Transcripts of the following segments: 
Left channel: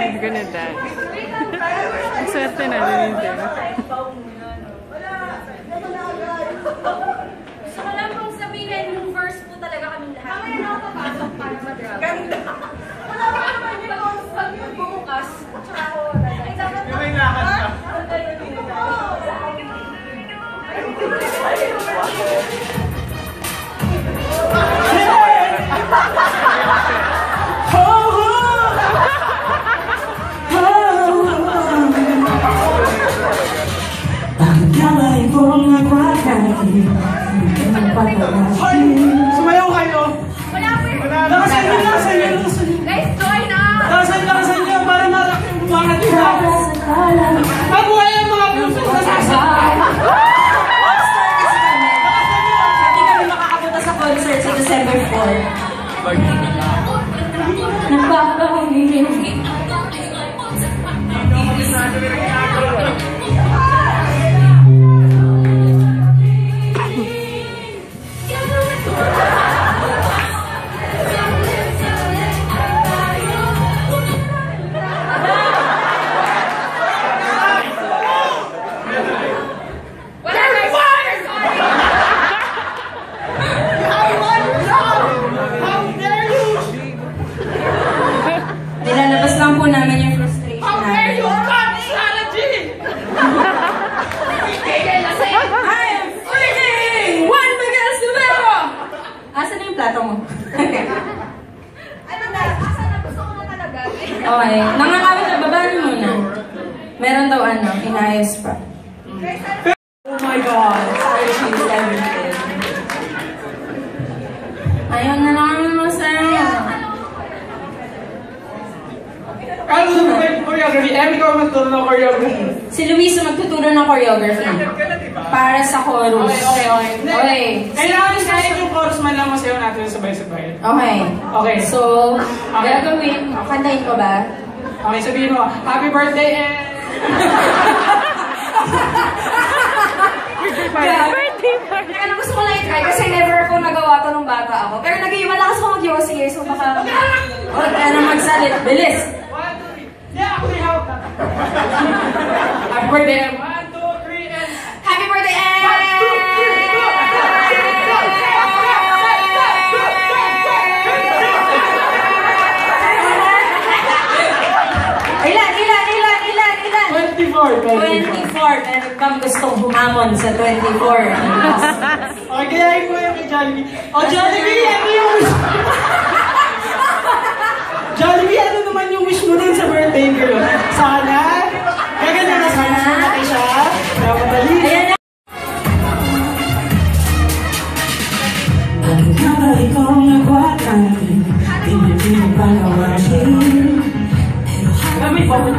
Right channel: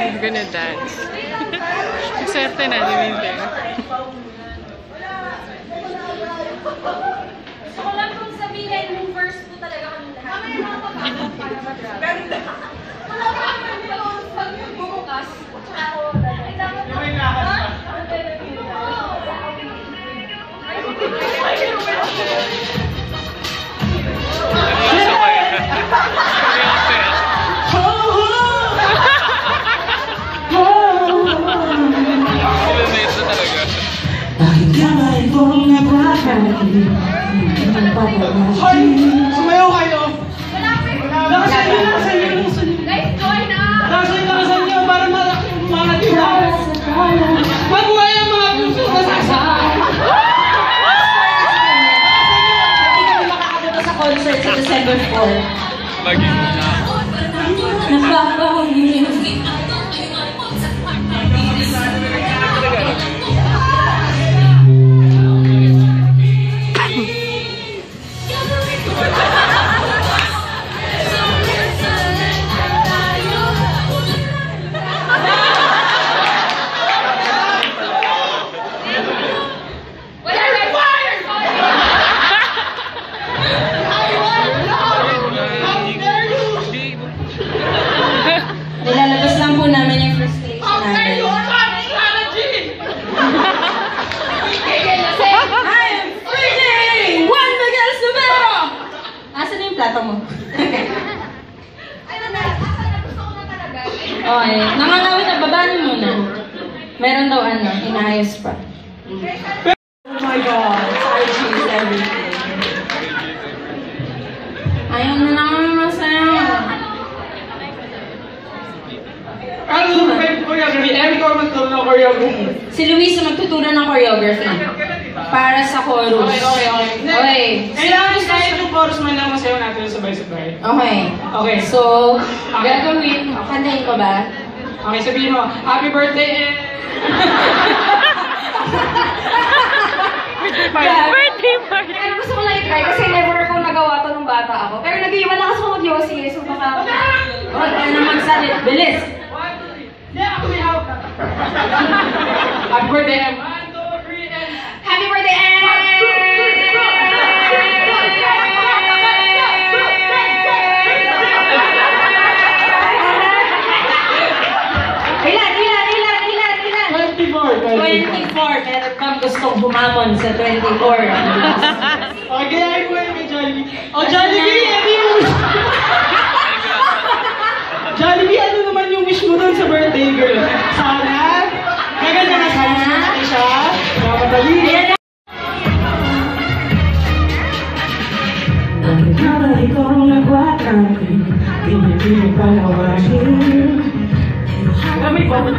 He's gonna dance. Excited na, dinitin. So, wala kong sabihin, yung first po talaga kami lahat. Mamaya na ako papasok para mag-grab. Wala ko naman yung pag bumukas. Tsaka ako, ay dapat na. May lakas pa. Hoy! Sumayaw kayo! Lakasan nyo! Guys, join na! Lakasan nyo para mga tinaw! Mabuhay ang mga puso sa sasakay! Hindi kami makakapunta sa concert sa December 4. Bagay mo na. Nagbabahin. Nilalabas lang po namin yung frustration namin. I'm freezing! One against the mirror! Asan na yung plato mo? Ano na? Asa na? Gusto ko na talaga. Okay. Nangangawin na, babaan mo na. Meron daw inayos pa. Oh my God! I choose everything. Ayaw na lang masaya. Ano ba choreography? Ikaw magturo ng choreography. Si Luis ang magtuturo ng choreography. Para sa chorus. Okay. Kailangan yung chorus man lang masayaw natin sabay-sabay. Okay. So, gagawin. Kantahin ko ba? Okay, sabihin mo, happy birthday! Birthday party! Kaya gusto ko lang i-try kasi never ko nagawa to nung bata ako. Pero malakas ako mag-yossi so baka... try na magsalit. Bilis! 1, 2, 3. Yeah, ako may hawak. Happy birthday! 1, 2, 3, and... Happy birthday! Ilan? 24. 24. Meron bang gustong humamon sa 24? Okay, gayahin mo yung may Jollibee. Oh, Jollibee! Ano yung wish mo? Jollibee, ano naman yung wish mo dun sa birthday girl? Sana? Gaganda na sana natin siya. Madali. Ang kamali kong nagwatan, pinipili palawasin. May bawal.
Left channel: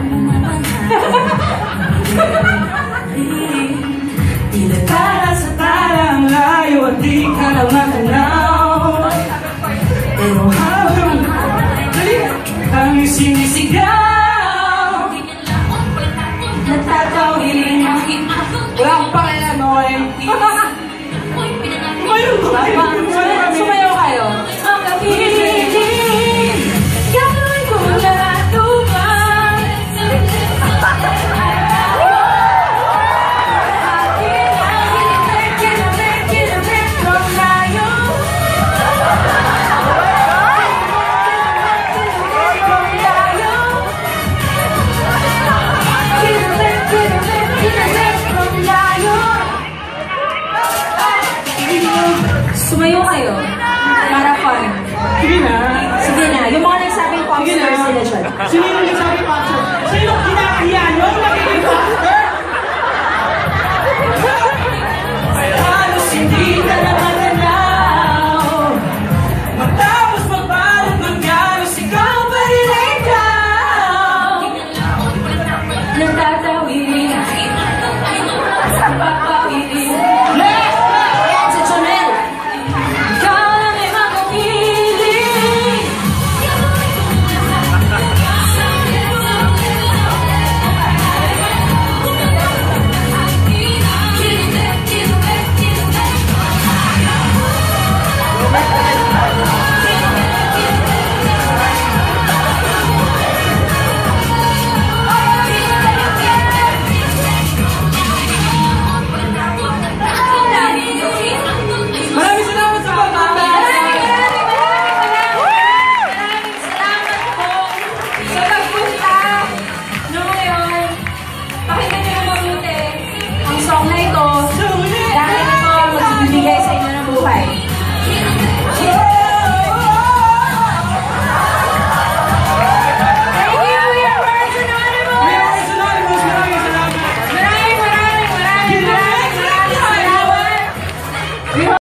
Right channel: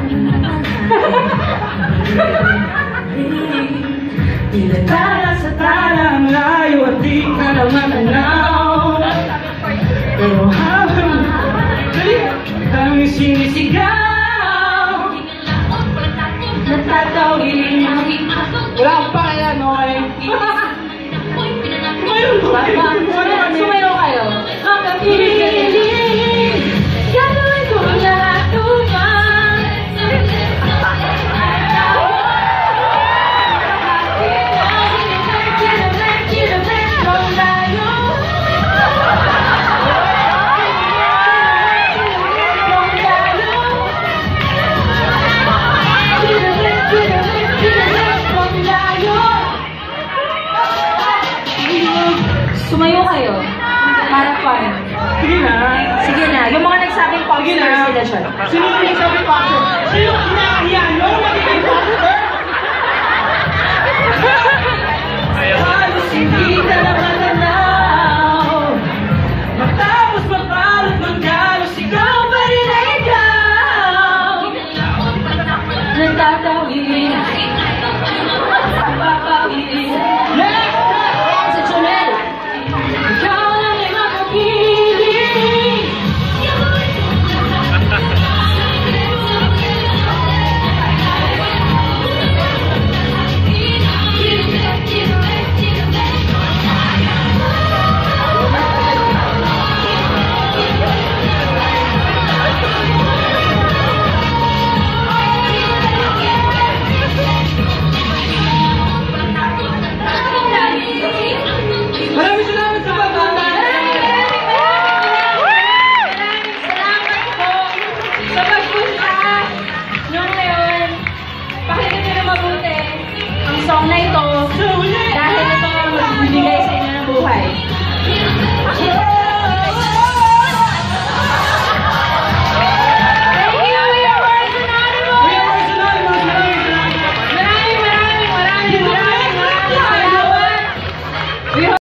Tinatara sa tarang layo at di ka na matanaw. Pero habang kami sinisigaw, natatawin. Wala akong pakialam, Noy. Sumayaw kayo. Gagawin ko lahat upang sumayo kayo. Para fun. Sige na. Sige na. Yung mga nagsabing popstar sila dyan. Sino yung nagsabing popstar?